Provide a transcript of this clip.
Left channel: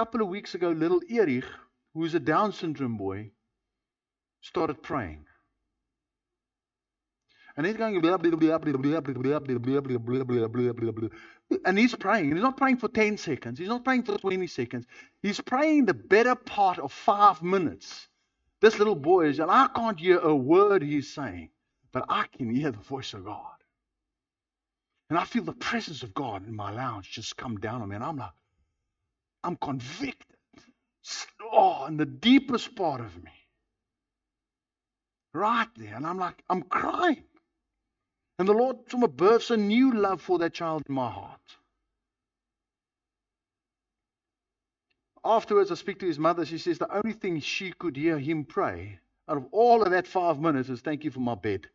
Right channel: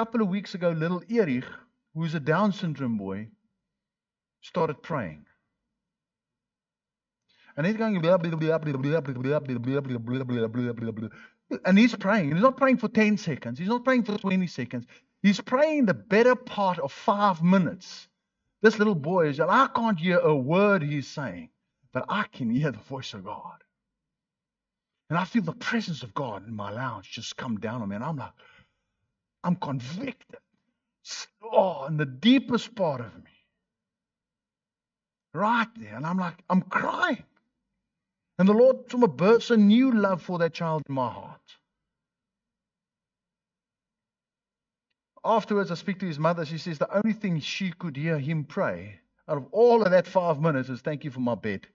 couple of weeks ago, little Erich, who's a Down syndrome boy, started praying. And he's going blah, blah, blah, blah, blah, blah, blah, blah, blah, blah, blah, blah, blah, blah. And he's praying. And he's not praying for 10 seconds. He's not praying for 20 seconds. He's praying the better part of 5 minutes. This little boy is, and I can't hear a word he's saying, but I can hear the voice of God. And I feel the presence of God in my lounge just come down on me. And I'm like, I'm convicted. Oh, in the deepest part of me. Right there. And I'm like, I'm crying. And the Lord births a new love for that child in my heart. Afterwards, I speak to his mother. She says the only thing she could hear him pray out of all of that 5 minutes is, thank you for my bed.